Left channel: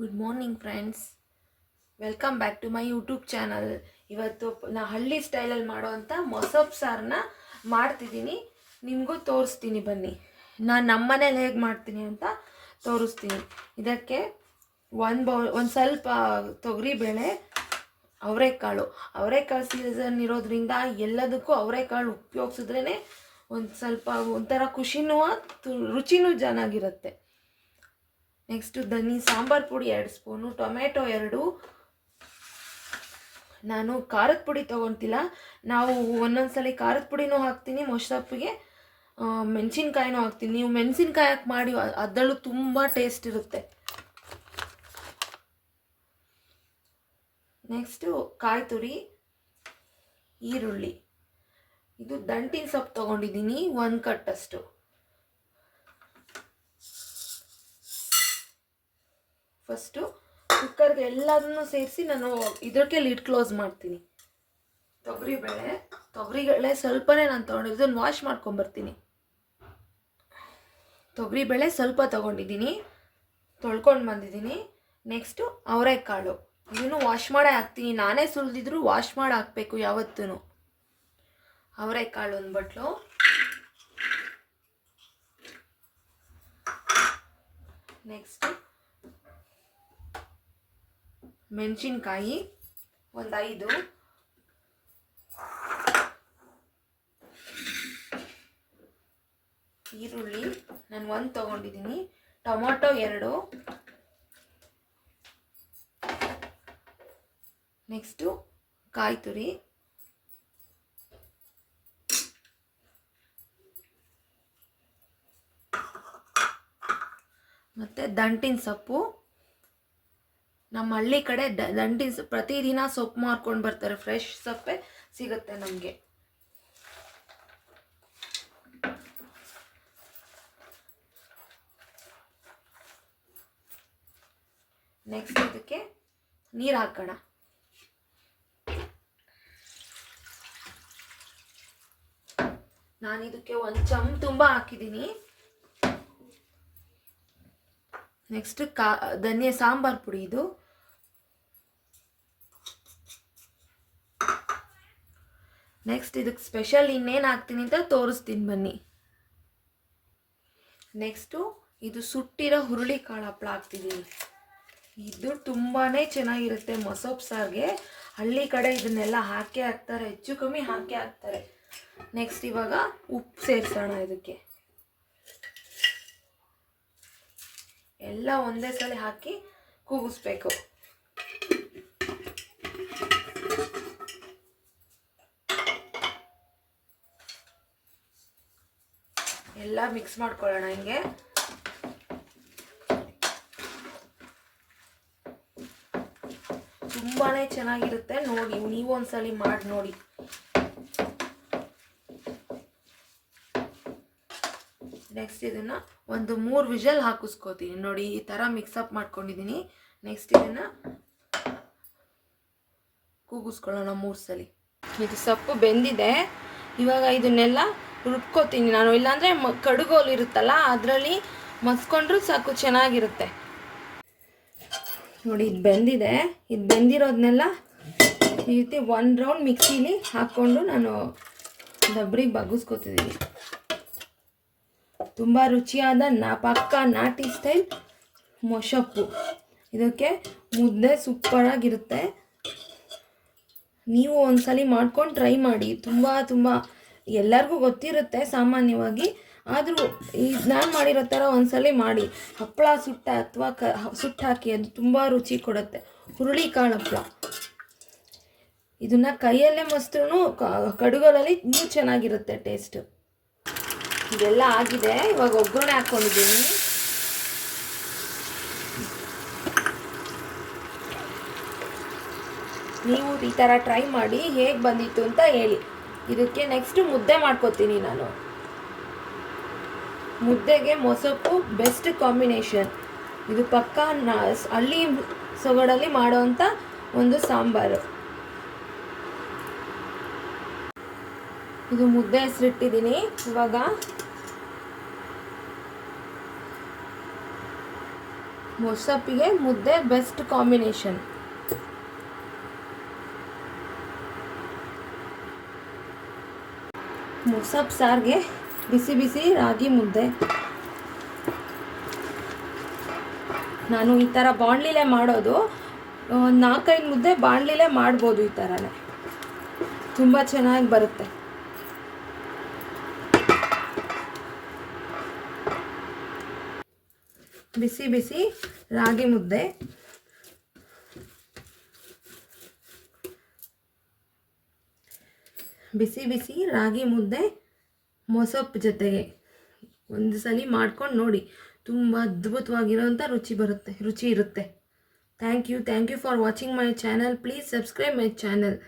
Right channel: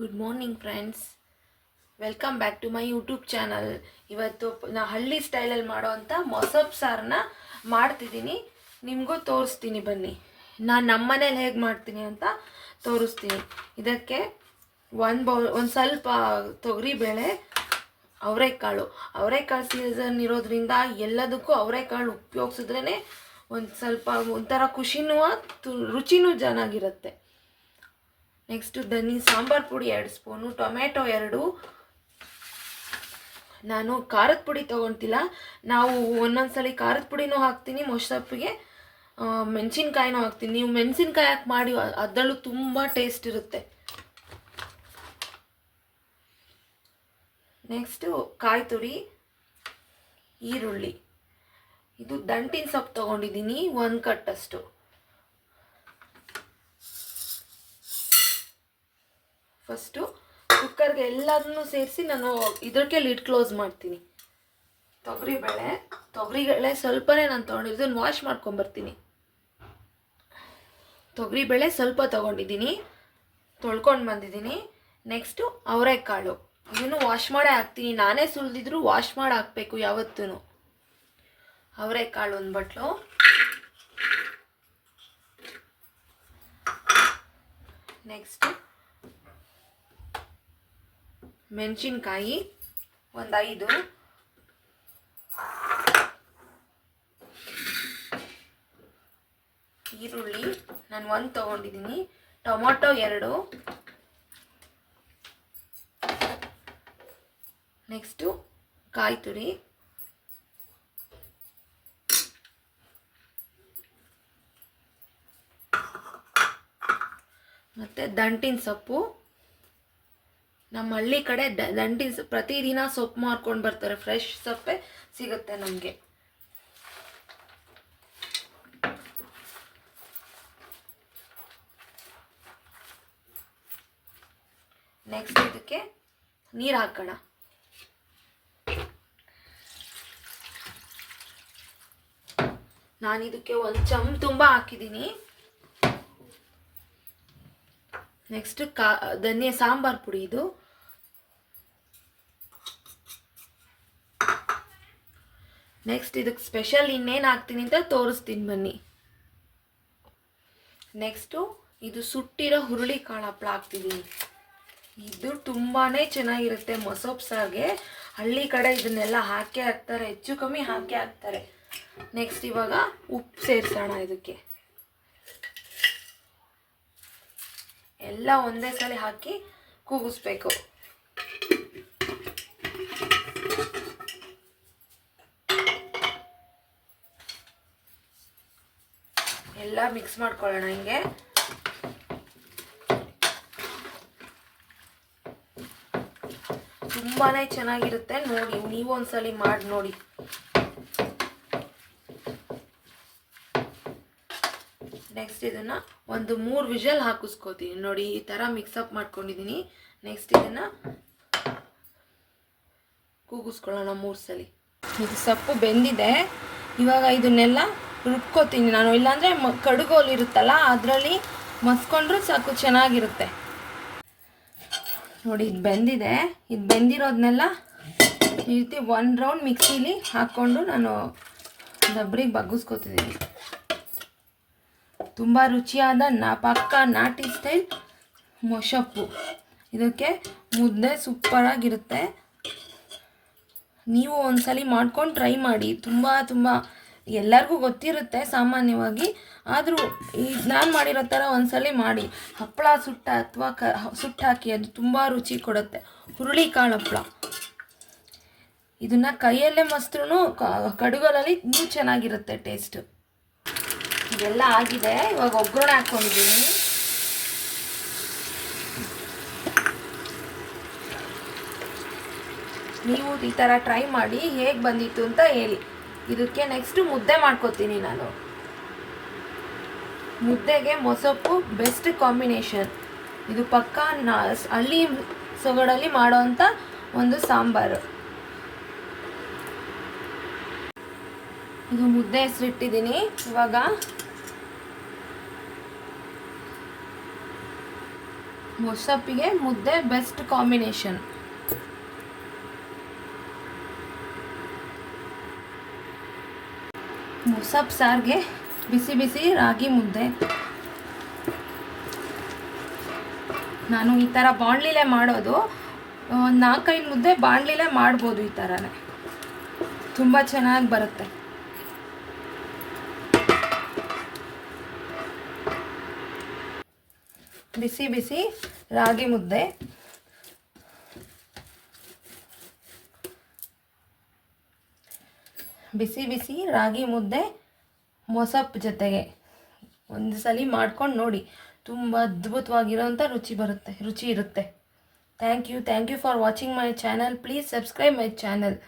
Good morning friends, welcome back to my YouTube channel. ಇವತ್ತು ನಾ ಹಳ್ಳಿ ಸ್ಟೈಲಲ್ಲಿ ಮಾಡೋವಂಥ ಮೊಸಪ್ ಸಾರನ್ನ ಮಾಡ್ತಿದ್ದೀನಿ. ನಿಮಗೂ ತೋರಿಸ್ತೀನಿ ಬನ್ನಿ. ನಾನು ನಮ್ಮನೇಲಿ ಹೇಗೆ ಮಾಡ್ತೀನಿ ಅಂತ ತೋರಿಸ್ತೀನಿ. ಇದಕ್ಕೆ ಒಂದು ಸ್ವಲ್ಪ ತೊಗರಿಬೇಳೆ, ಅವರೆಕಾಳು ಸೀಸನ್ ಇರೋದ್ರಿಂದ ಎಲ್ಲದಕ್ಕೂ ಅವರೆಕಾಳು ಉಪಯೋಗಿಸಿದ್ರೇ ಒಂದು ಸ್ವಲ್ಪ ಒಂಥರ ಖುಷಿನೂ ರುಚಿನೂ ಚೆನ್ನಾಗಿರುತ್ತೆ. ನೆಕ್ಸ್ಟು ಸಾಂಬಾರು ಪುಡಿ 2 ಸ್ಪೂನು, ಟೊಮೆಟೊ 2. ನಾನು ಖಾರದ ಪುಡಿ ತೊಗೊತಿಲ್ಲ. ನಾವು ಒಂದೊಂದ್ಸಲಿ ಖಾರದ ಪುಡಿನೂ ಹಾಕ್ತೀನಿ, ಮೊಸರಪ್ಪಿಗೆ ಮೆಣಸಿನ್ಕಾಯಿನೂ ಹಾಕ್ತೀನಿ. ನೀವು ಮೆಣಸಿನ್ಕಾಯಿ ಹಾಕಿ ಮಾಡಿ, ಅದರಲ್ಲೂ ತುಂಬ ಟೇಸ್ಟ್ ಇರುತ್ತೆ. ನೆಕ್ಸ್ಟು ಕಾಯಿ ತುರಿ, ಈರುಳ್ಳಿ. ಇದು ದಂಟಿನ ಸೊಪ್ಪು ತೊಗೊಂಡಿದ್ದೀನಿ, 1 ಕಟ್ಟಷ್ಟು. ಫಸ್ಟು ಕುಕ್ಕರ್ಗೆ ಎಲ್ಲದನ್ನು ಸೇರಿಸಿ ನಾನು ಇದಕ್ಕೆ ಲಿಡ್ ಕ್ಲೋಸ್ ಮಾಡ್ತೀನಿ. ತೊಗರಿಬೇಳೆ ಸ್ವಲ್ಪನೇ ನಾನು ತೊಗೊಂಡಿದ್ದು, ಇದನ್ನು ವಾಶ್ ಮಾಡ್ಕೊಂಬರ್ತೀನಿ. ತೊಗರಿಬೇಳೆ ಸ್ವಲ್ಪ ತೊಗೊಂಡಿದ್ದೀನಿ, ತೊಳ್ಕೊಂಡು ಬಂದಿದ್ದೀನಿ. ನೆಕ್ಸ್ಟು ಅವರೆಕಾಳು, ಇದನ್ನು ವಾಶ್ ಮಾಡೇ ಹಾಕ್ತೀನಿ. ನಾನೇ ಸುಲಿದಿದ್ರು ವಾಶ್ ಮಾಡಿ ಹಾಕಬೇಕು ಯಾವತ್ತೂ. ಅವರೆಕಾಳು 1 ಬಟ್ಲು. ನೆಕ್ಸ್ಟು ಮೆಣಸಿನ್ಕಾಯಿ 5. ಈರುಳ್ಳಿ ನಾನು 1 ತೊಗೊಂಡಿದ್ದೀನಿ. ಟೊಮೊಟೊ 2. ನೆಕ್ಸ್ಟು ಕಾಯಿ ತುರಿ, ಮತ್ತು ದಂಟಿನ ಸೊಪ್ಪು. ನಮ್ಮ ಹಳ್ಳಿ ಕಡೆ ದಂಟಿನ ಪ್ರತಿದಿನ ಸೊಪ್ಪು ಮಾರ್ಕೊಂಡು ಬರ್ತಾರೆ, ಫ್ರೆಶ್ ಸೊಪ್ಪೆ ಸಿಗುತ್ತೆ ನಮಗೆ. ನೆಕ್ಸ್ಟ್ ಇದಕ್ಕೆ ನೀರು ಹಾಕೋಣ. ನಾನು ಇದಕ್ಕೆ 1 ಚಮಚ ತುಂಬ ಹಾಕಿದ್ದೀನಿ. ನೆಕ್ಸ್ಟ್ ಸಾಂಬಾರು ಪುಡಿ. ಇದು ನೆಕ್ಸ್ಟ್ ಇದಕ್ಕೆ ಸ್ಪೆಷಲ್ ಇನ್ನೇನು ಹಾಕ್ತೀನಿ ಅಂತ ತೋರಿಸ್ತೀನಿ ಬನ್ನಿ. ನೆಕ್ಸ್ಟು ಇದು ಸುಟ್ಟಿರೋ ಹುರುಳಿಕಾಳು ಹಪ್ಪಳ ಹಾಕ್ತಿದ್ದೀನಿ. ಇದು ತುಂಬಾ ಚೆನ್ನಾಗಿರುತ್ತೆ ಮೊಸಪ್ ಸಾರಿಗೆ. ಹಳ್ಳಿ ಕಡೆ ಇದನ್ನೆಲ್ಲ ಹಾಕೇ ಹಾಕ್ತಾರೆ, ಹೆಚ್ಚು ಕಮ್ಮಿ ಹಾಕೇ ಹಾಕ್ತಾರೆ. ನೆಕ್ಸ್ಟ್ ಇವಾಗ ಉಪ್ಪು ಸೇರಿಸೋಣ. ಇದಕ್ಕೆ ಎಲ್ಲ ಒಂದೇ ಸಲ ಹಾಕಿ ಕೂಗಿಸ್ಬೇಕು. ಎಲ್ಲ ಮಿಕ್ಸ್ ಮಾಡ್ಕೊಳ್ಳೋಣ ಹಿಂಗೆ. ತುಂಬಾ ಚೆನ್ನಾಗಿರುತ್ತೆ, ನೋಡಿ ನೀವು ಒಂದ್ಸಲಿ ಮಾಡಿ ನೋಡಿ. ನೆಕ್ಸ್ಟ್ ಇದನ್ನು 3 ವಿಷಲ್ ಹಾಕಿಸ್ಕೋತೀನಿ. ನೋಡಿ ಈ ಥರ ಮಿಕ್ಸಪ್ ಮಾಡ್ಕೊಂಡಿದ್ದೀನಿ. ನೆಕ್ಸ್ಟ್ ಇದನ್ನು ಕೂಗಿಸ್ಕೊಳ್ಳೋಣ 3 ಸಲ. ಇದು ಸೊಪ್ಪು ಬೆಂದಿದೆ. ಇವಾಗ ಇದನ್ನೆಲ್ಲ ರುಬ್ಕೋತೀನಿ ನಾನು. ಇಲ್ಲಾಂದರೆ ಕಡುಗೋಲು ಇರುತ್ತಲ್ಲ, ಅದರಲ್ಲಿ ಮಸ್ಕೊಂಡ್ರೂ ಸಾಕು, ಚೆನ್ನಾಗಿರುತ್ತೆ. ನೋಡಿ ಇದು ಬೆಂದಿದೆ. ಇದು ಬೆಂದಿರೋದನ್ನೆಲ್ಲ ಈ ರೀತಿ 1 ರೌಂಡ್ ಮಿಕ್ಸಿಲಿ ಹಾಕ್ಕೊಂಡು ನಾನು ಡಬ್ರಿ ಬಗ್ಗಿಸ್ಕೊತಿದ್ದೀನಿ. ತುಂಬ ರುಚಿಯಾದ ಪಕ್ಕ ನಾಟಿ ಸ್ಟೈಲ್ ಮೊಸಪ್ಪು. ಇದಕ್ಕೆ ಮುದ್ದೆ ಸೂಪರಾಗಿರುತ್ತೆ. ನೀವು ಒಂದ್ಸಲಿ ಮಾಡ್ಕೊಂಡು ಟ್ರೈ ಮಾಡಿ. ತುಂಬ ಎಲ್ಲರಿಗೂ ಗೊತ್ತಿರುತ್ತೆ ಸಾಮಾನ್ಯವಾಗಿ, ಆದರೂ ನಾನು ಮಾಡಿರೋ ಥರ ಒಂದ್ಸಲಿ ಮಾಡಿ. ಹಪ್ಪಳ ಅಥವಾ ಸುಟ್ಟು ಹಾಕಿ, ಅದು ತುಂಬ ರುಚಿ ಕೊಡುತ್ತೆ. ಹುರುಳಿಕಾಳು ಹಪ್ಪಳ, ಇದನ್ನು ಕೈಯಲ್ಲೇ ಮಸ್ತ್ರೂ ಕಡುಗೋಲಲ್ಲಿ ಇನ್ನೂ ಚೆನ್ನಾಗಿರುತ್ತೆ ಟೇಸ್ಟು. ಇದೆಲ್ಲ ಆಗಿದೆ. ಇವಾಗ ಒಗ್ಗರಣೆ ಹಾಕ್ಕೊಂಡಿದ್ದೀನಿ. ನೀವು ಈ ಥರ ಟ್ರೈ ಮಾಡಿ, ಹೇಗೆ ಬಂದಿತ್ತು ಅಂತ ಹೇಳಿ. ಇದಕ್ಕೆ ನೆಕ್ಸ್ಟು ಮುದ್ದೆ ಮಾಡ್ಕೊತೀನಿ ನಾನು. ಮುದ್ದೆಗೆ ಮೊಸಪ್ಪು ಬೆಸ್ಟ್ ಕಾಂಬಿನೇಷನ್. ಇದು ಪಕ್ಕ ಹಳ್ಳಿ ಸೊಗಡಲ್ಲಿ ಮಾಡೋವಂಥ ಒಂದು ಸಾಂಬಾರು. ಇದು ಮುದ್ದೆ ಹೆಸರಿಟ್ಟಿದ್ದೀನಿ. ಇವಾಗ ಮೊಸಪ್ಪಿಗೆ ಮುದ್ದೆ ಬೆಸ್ಟ್ ಕಾಂಬಿನೇಷನ್. ಮೊಸಪ್ ಸಾರಿಗೆ ಬಿಸಿ ಬಿಸಿ ರಾಗಿ ಮುದ್ದೆ. ನಾನು ಈ ಥರ ಬಾಣಲಿಲೇ ಮಾಡೋದು. ಒಂದು 4-5 ಮುದ್ದೆ ಬಾಣಲಿಲೇ ಮಾಡ್ಬೋದು. ಈ ಥರನೇ ತುಂಬ ಚೆನ್ನಾಗಿ ಬರುತ್ತೆ. ಬಿಸಿ ಬಿಸಿ ರಾಗಿ ಮುದ್ದೆ. ಬಿಸಿ ಬಿಸಿ ರಾಗಿ ಮುದ್ದೆ ಮೊಸಪ್ಪು ಜೊತೆಗೆ ಒಂದು ಸಲ ಮಾಡ್ಕೊಂಡು ನೋಡಿ, ತುಂಬ ಅದ್ಭುತವಾಗಿರೋಂಥ ರುಚಿ ಇರುತ್ತೆ. Thank you for watching my channel. Please subscribe my channel.